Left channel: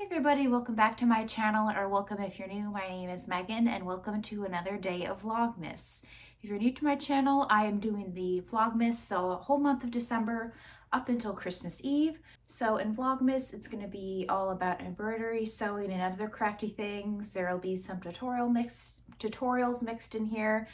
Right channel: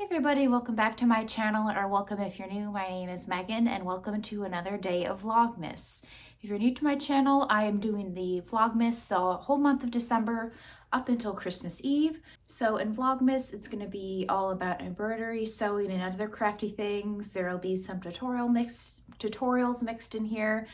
Everybody, welcome back to my channel, or welcome if you're new. My name is Megan and welcome to another day of Vlogmas. If you're new to my channel, I am doing the Vlogmas the whole month of December up until Christmas Eve. So in Vlogmas, it's going to be all about embroidery, sewing, and other crafty things. There will be some tutorials mixed in here,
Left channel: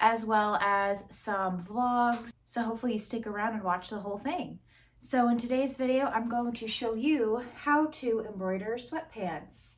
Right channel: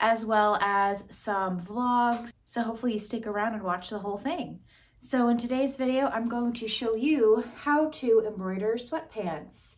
as well as some vlogs. So hopefully you stick around and watch the whole thing. So in today's video, I'm going to show you how to embroider sweatpants.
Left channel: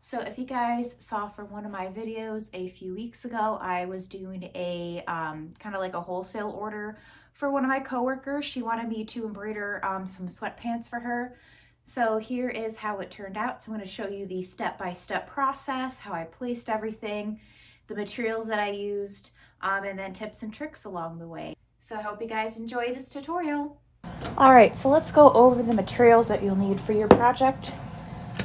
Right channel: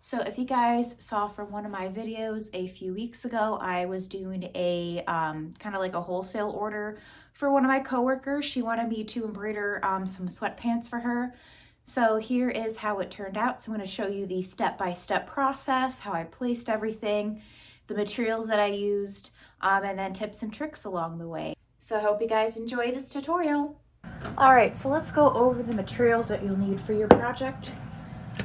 So if you guys saw from one of my videos a few weeks ago, I was doing a kind of like a wholesale order for one of my coworkers. She wanted me to embroider some sweatpants for her. So here is how it turned out. So I'm going to show you the step-by-step process, how I placed everything, the materials that I used, and then tips and tricks along the way. So I hope you guys enjoy this tutorial. All right, so let's go over the materials that you'll need for your project.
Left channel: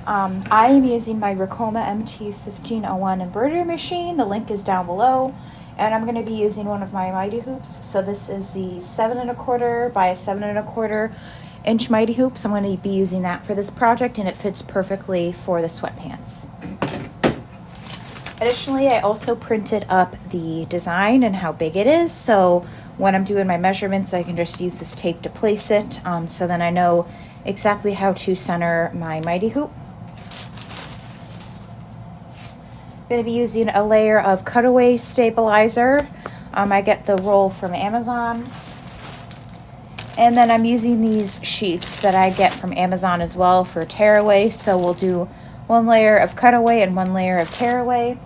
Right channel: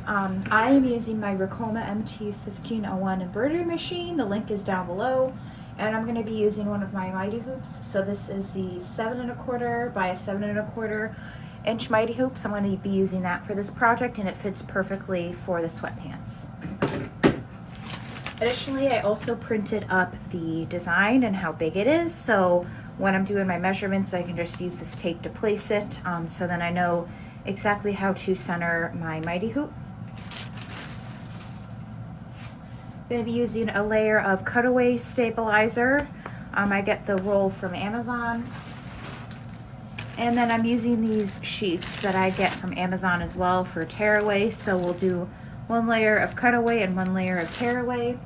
I am using my Ricoma MT1501 embroidery machine. The link is down below. And I'm going to be using one of my Mighty Hoops. So this is the 7 1/4 by 7 1/4 inch Mighty Hoops. I'm going to be using that for this project, and it fits perfectly for the sweatpants. Additionally, I also printed up the design and how big it is. So when I'm doing my measurements, I can just use this tape to place it. So then I know exactly how to center my Mighty Hoop. I'm going to be using a layer of cutaway stabilizer. I get the roll from Amazon. And then I'm using these sheets that I get from Amazon as well for tearaway. So we'll do one layer of cutaway and one layer of tearaway.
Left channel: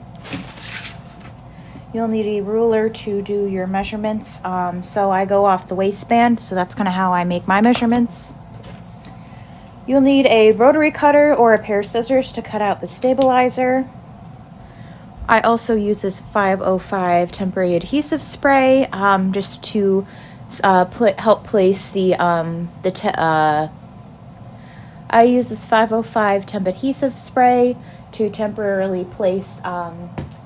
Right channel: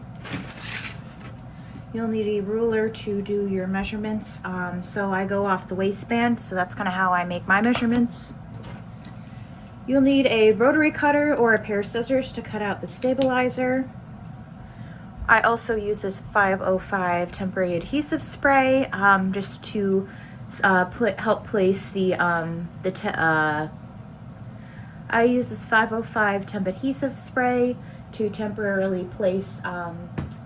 You'll need a ruler to do your measurements. So I go off the waistband, so that's kind of how I make my measurements. You'll need a rotary cutter or a pair of scissors to cut out the stabilizer. I also use this 505 temporary adhesive spray just to help place I use this 505 temp adhesive spray to temporarily place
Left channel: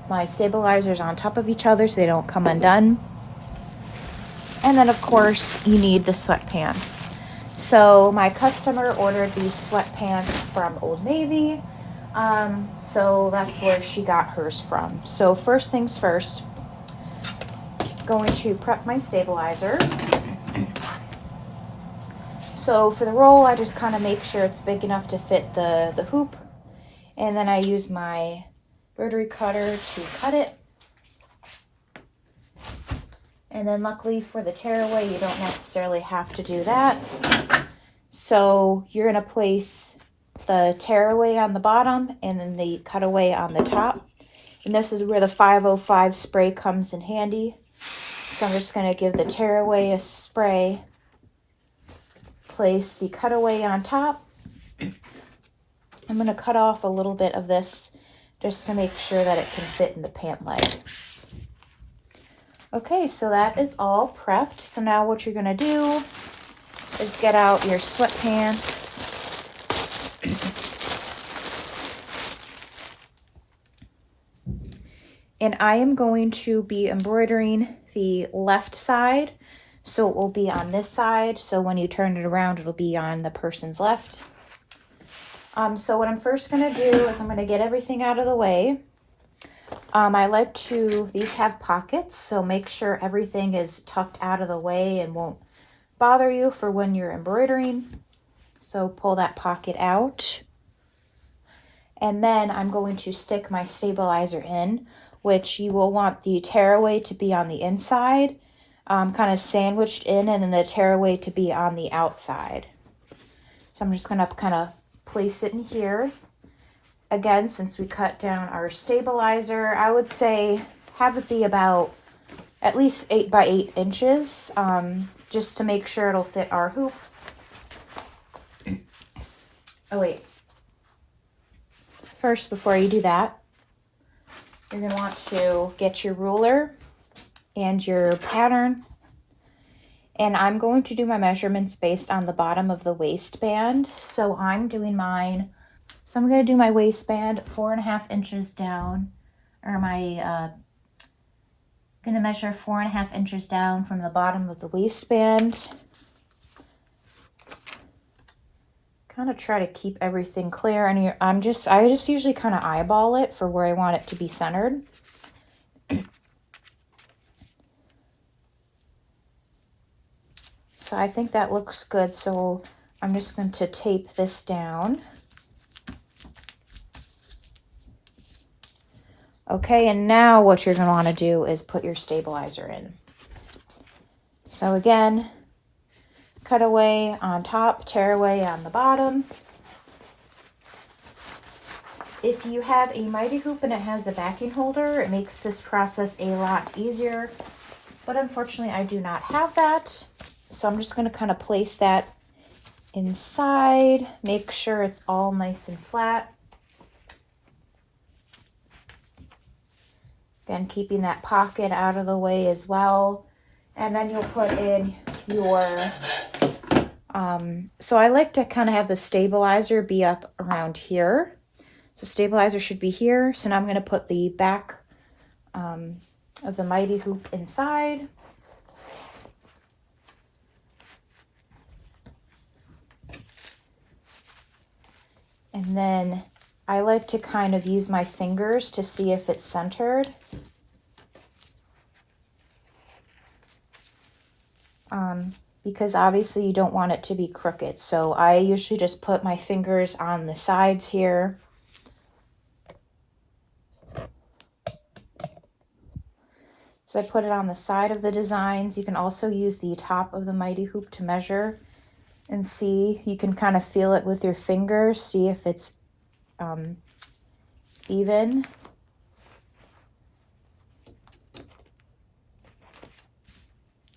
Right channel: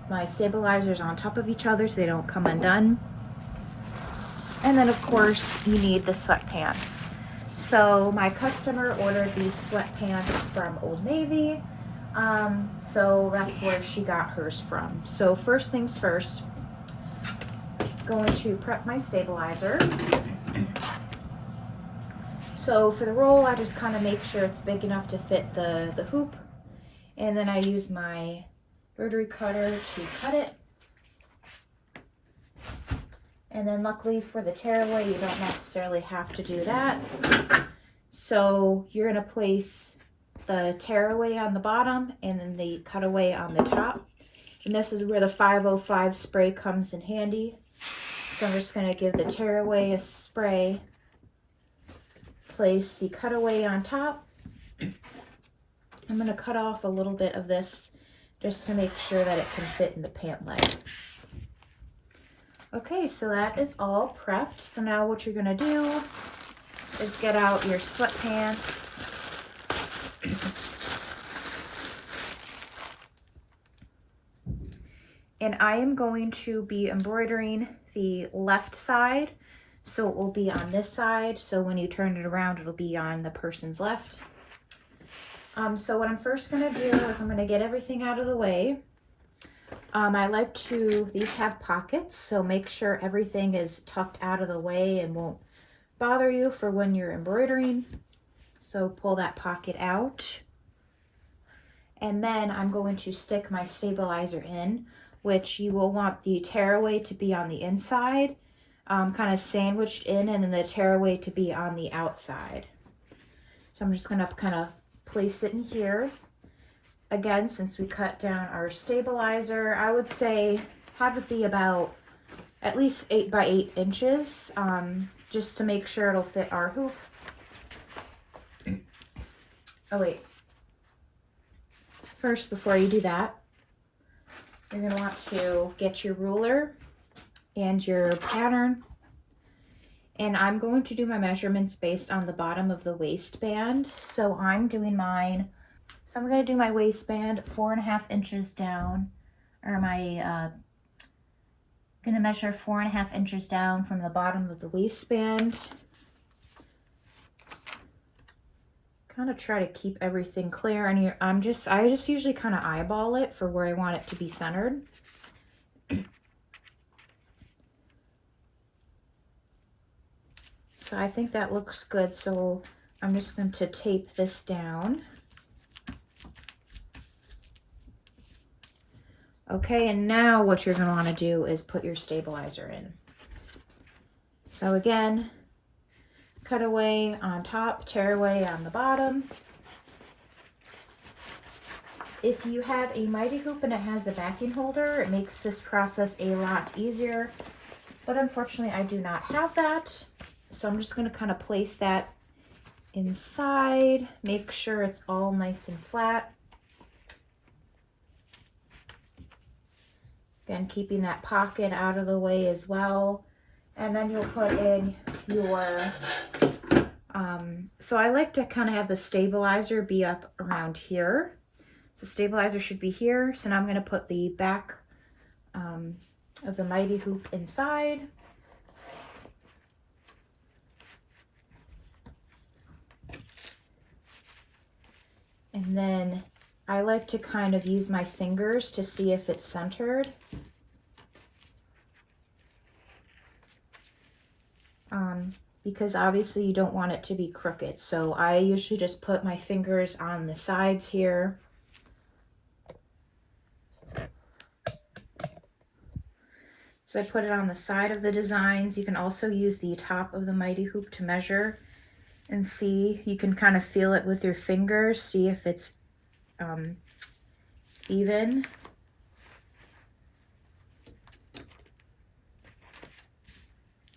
my stabilizers on top of each other so they don't come undone. And then of course you need the sweatpants. So my customer ordered these sweatpants from Old Navy, so that's where she got hers from. So first things first, going to prep my stabilizer. So for the roll, I just kind of make sure it's big enough to fit the hoop, and then I use my rotary cutter to cut it. And then luckily for the tearaway, you don't necessarily have to do that. So you're going to place the tearaway on the bottom and then the cutaway on the top. And this is where the 505 spray comes in handy. So I'm just going to give the tearaway a spray, place the cutaway on top. I'm going to cut off a little bit of this just to make sure that it can fit in the pant leg. Okay, so that is all prepped. So now what you're gonna do is get out your sweatpants. And I am going to be embroidering the left side. So it will be on this side. So when you turn it around, it'll be on the person's left. So what I'm first going to do is I'm going to get everything out of the way. I like these have pockets, so make sure everything is tucked out of the way and won't bother you for when you're embroidering. So pull that pocket out. And then I'm going to stick my stabilizer in, which you will want the tearaway to be on the inside, kind of sandwiched in, and then the tearaway to be on the outside. So I'm just going to kind of place it in here. Again, since we cut down our stabilizer, I would say have it be about at least 8 by 8 inches, just to make sure it'll fit our hoop. Oh wait, first before you do that, you're going to want to get your ruler and your pattern. And I'm going to do my measurements based on the bottom of the waistband. So I'm doing mine. So I'm going to do my waistband 4.5 inches down, or my Going to measure 4.5 inches down from the bottom of the waistband. Kind of try to keep everything clear, and I just usually kind of eyeball it for where I want it to be centered. So I think that looks good, so I'm just going to tape this down. Okay, and now what you're going to want to do is put your stabilizer in. So again, cut away on top, tear away on the bottom. If you have a mighty hoop and it has a backing holder, it makes this process a lot easier. But unfortunately, I do not have that. So I'm just going to kind of place that inside, make sure it's all nice and flat. Again, keeping that pocket out of the way as well. And then you'll put in your, so I like to kind of have the stabilizer be up around here. So stabilizer should be here. So now I'm going to put the back of the mighty hoop inside. And then I like to kind of use my fingers to see if it's centered. Because obviously you don't want it to be crooked. So I usually just put my fingers on the sides here. So I put it on the side of the designs. You can also use the top of the mighty hoop to measure and see. You can kind of feel it with your fingers, see if it's even.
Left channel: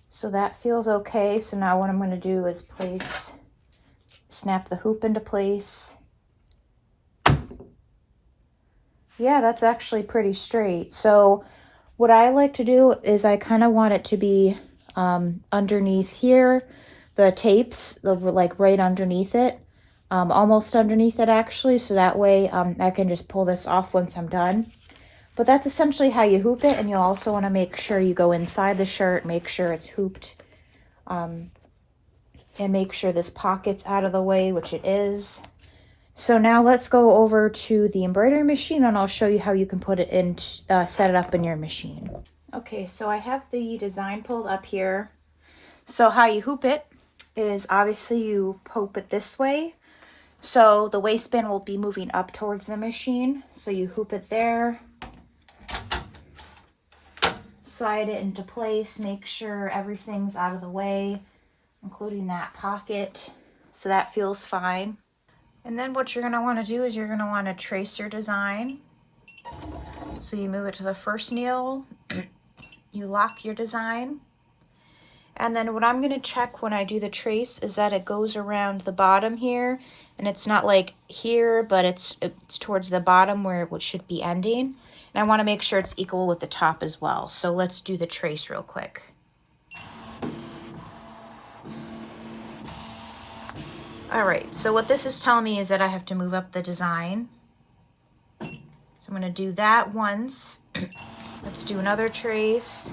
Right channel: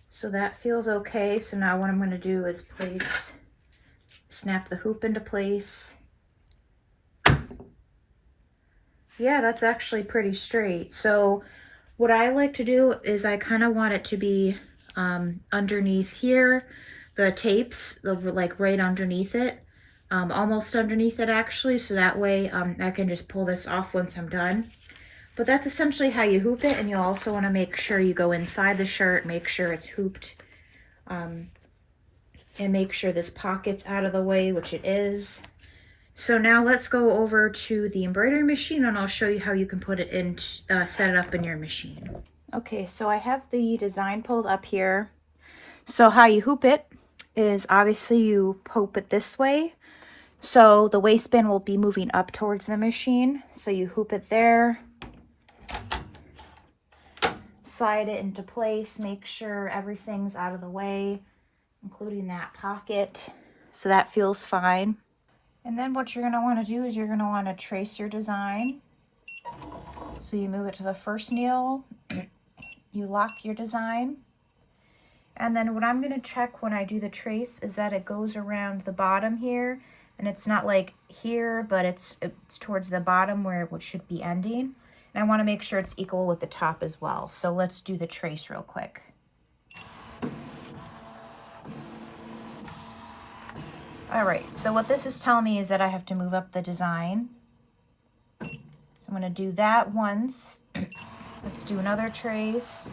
So that feels okay. So now what I'm going to do is snap the hoop into place. Yeah, that's actually pretty straight. So what I like to do is I kind of want it to be underneath here, the tapes, like right underneath it, almost underneath it actually. So that way I can just pull this off once I'm done. But that's essentially how you hoop it, and you'll also want to make sure you go inside the shirt, make sure it's hooped, and make sure this pocket's out of the way, which it is. So now let's go over to the embroidery machine, and I'll show you how you can put it in, set it up in your machine. Okay, so I have the design pulled up here. So how you hoop it is obviously you hoop it this way. So the waistband will be moving up towards the machine. So you hoop it there. Slide it into place, make sure everything's out of the way, including that pocket, so that feels fine. And then what you're going to want to do is you're going to want to trace your design. So you move it to the first nail, you lock your design, and then what I'm going to check when I do the trace is that it goes around the bottom here, and it's not like here, but it's towards the bottom where it should be ending. And I want to make sure it's equal with the top as well. So let's do the trace real quick. All right, so what this is telling me is that I have to move up the design. So I'm going to do that once. Let's do another trace.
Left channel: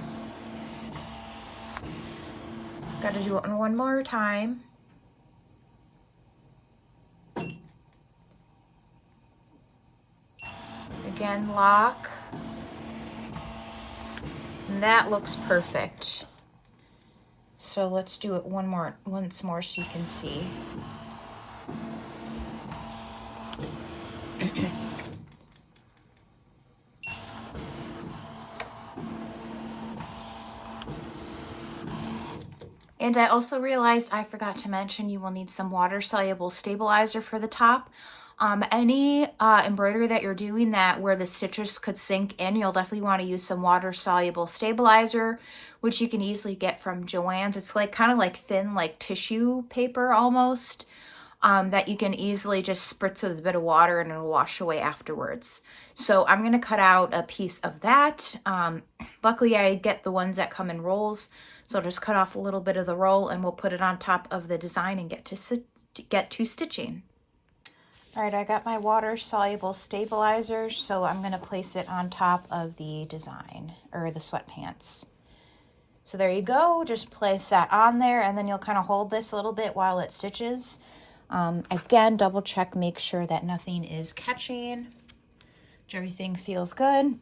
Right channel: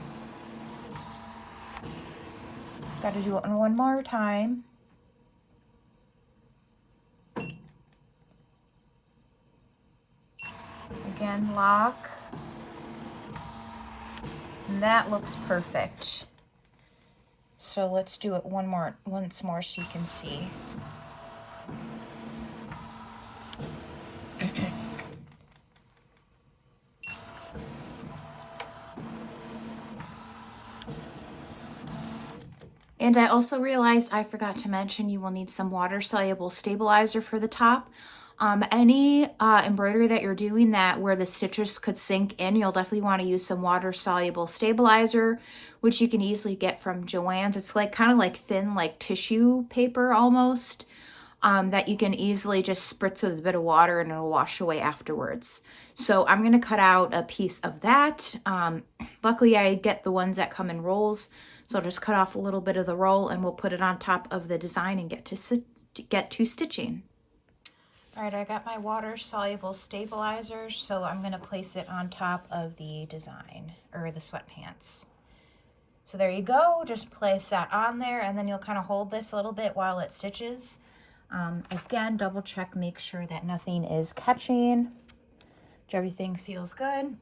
Got to do it one more time. Again, lock. And that looks perfect. So let's do it once more so you can see. And I also realized I forgot to mention you will need some water-soluble stabilizer for the top. Any embroidery that you're doing where the stitches could sink in, you'll definitely want to use some water-soluble stabilizer, which you can easily get from Joann's. It's like kind of like thin, like tissue paper almost, that you can easily just spritz with a bit of water and it'll wash away afterwards. So I'm going to cut out a piece of that. Luckily, I get the ones that come in rolls. So I'll just cut off a little bit of the roll and we'll put it on top of the design and get to stitching. All right, I got my water-soluble stabilizer, so I'm gonna place it on top of the design, or the sweatpants. So there you go, just place that on there, and then you'll kind of hold this a little bit while it stitches. Again, double check, make sure that nothing is catching, everything feels good.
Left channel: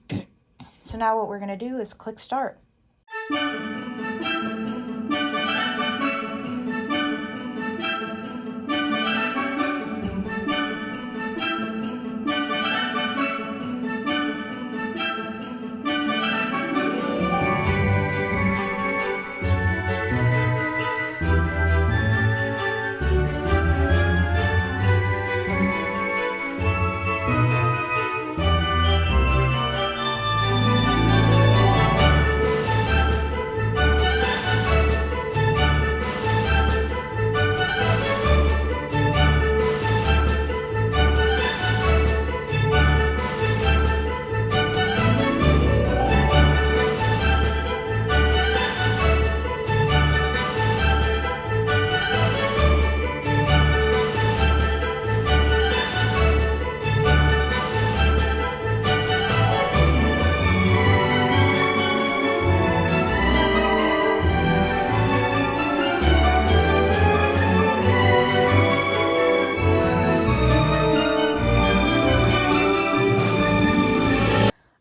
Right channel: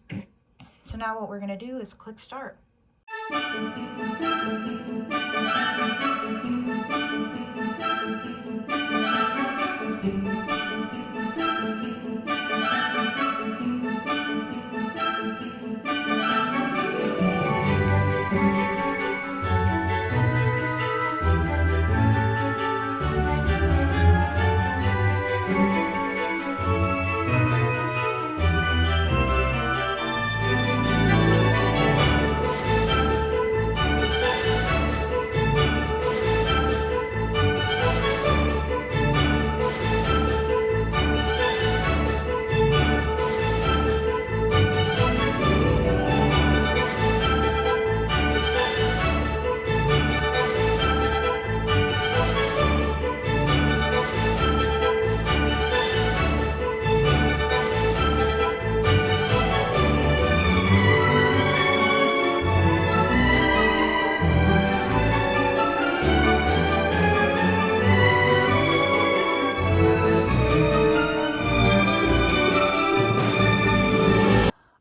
So now what we're gonna do is click start.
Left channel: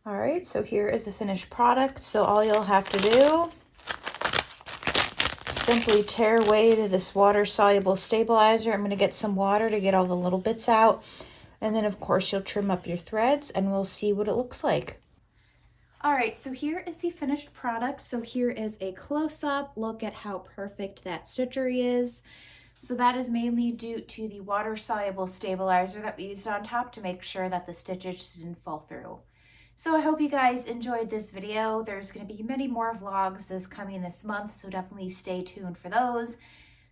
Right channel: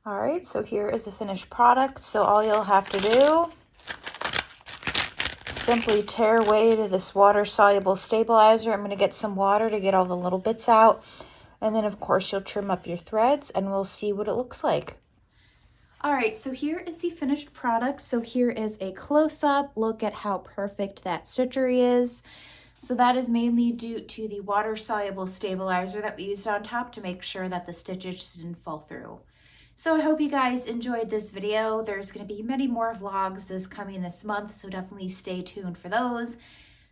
All right, so here is the finished product. So all you'll have to do, simply tear away to this water-soluble stabilizer. I'm going to get some water to get all the little bits out. And then, of course, you'll trim up your threads and we'll see what it looks like. All right, so here is the finished product. So here is a close-up look at how perfect that stitchery is. So that is mainly due to the water-soluble stabilizer that we used on top to make sure that the stitches didn't fall through. So I hope you guys enjoyed this video. There's going to be many more vlogs coming this month, so definitely stay tuned for those.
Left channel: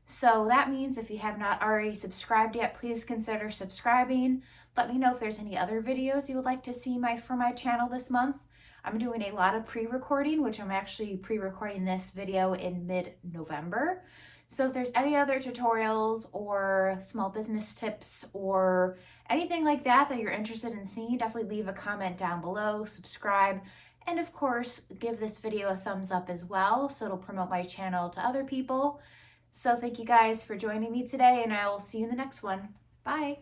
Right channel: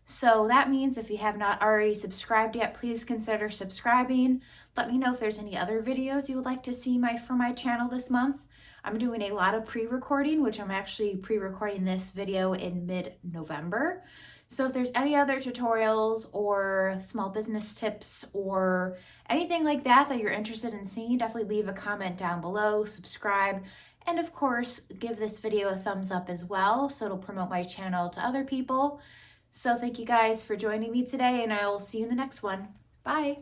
So that means if you have not already subscribed yet, please consider subscribing. Let me know if there's any other videos you would like to see from my channel this month. I'm doing a lot of pre-recording, which I'm actually pre-recording this video in mid-November. So if there's any other tutorials or small business tips or anything like that that you're interested in seeing, definitely leave a comment down below, subscribe, and of course, give this video a thumbs up as well so it'll promote my channel to other people. So thank you guys for joining me today, and I will see you in the next one. Bye.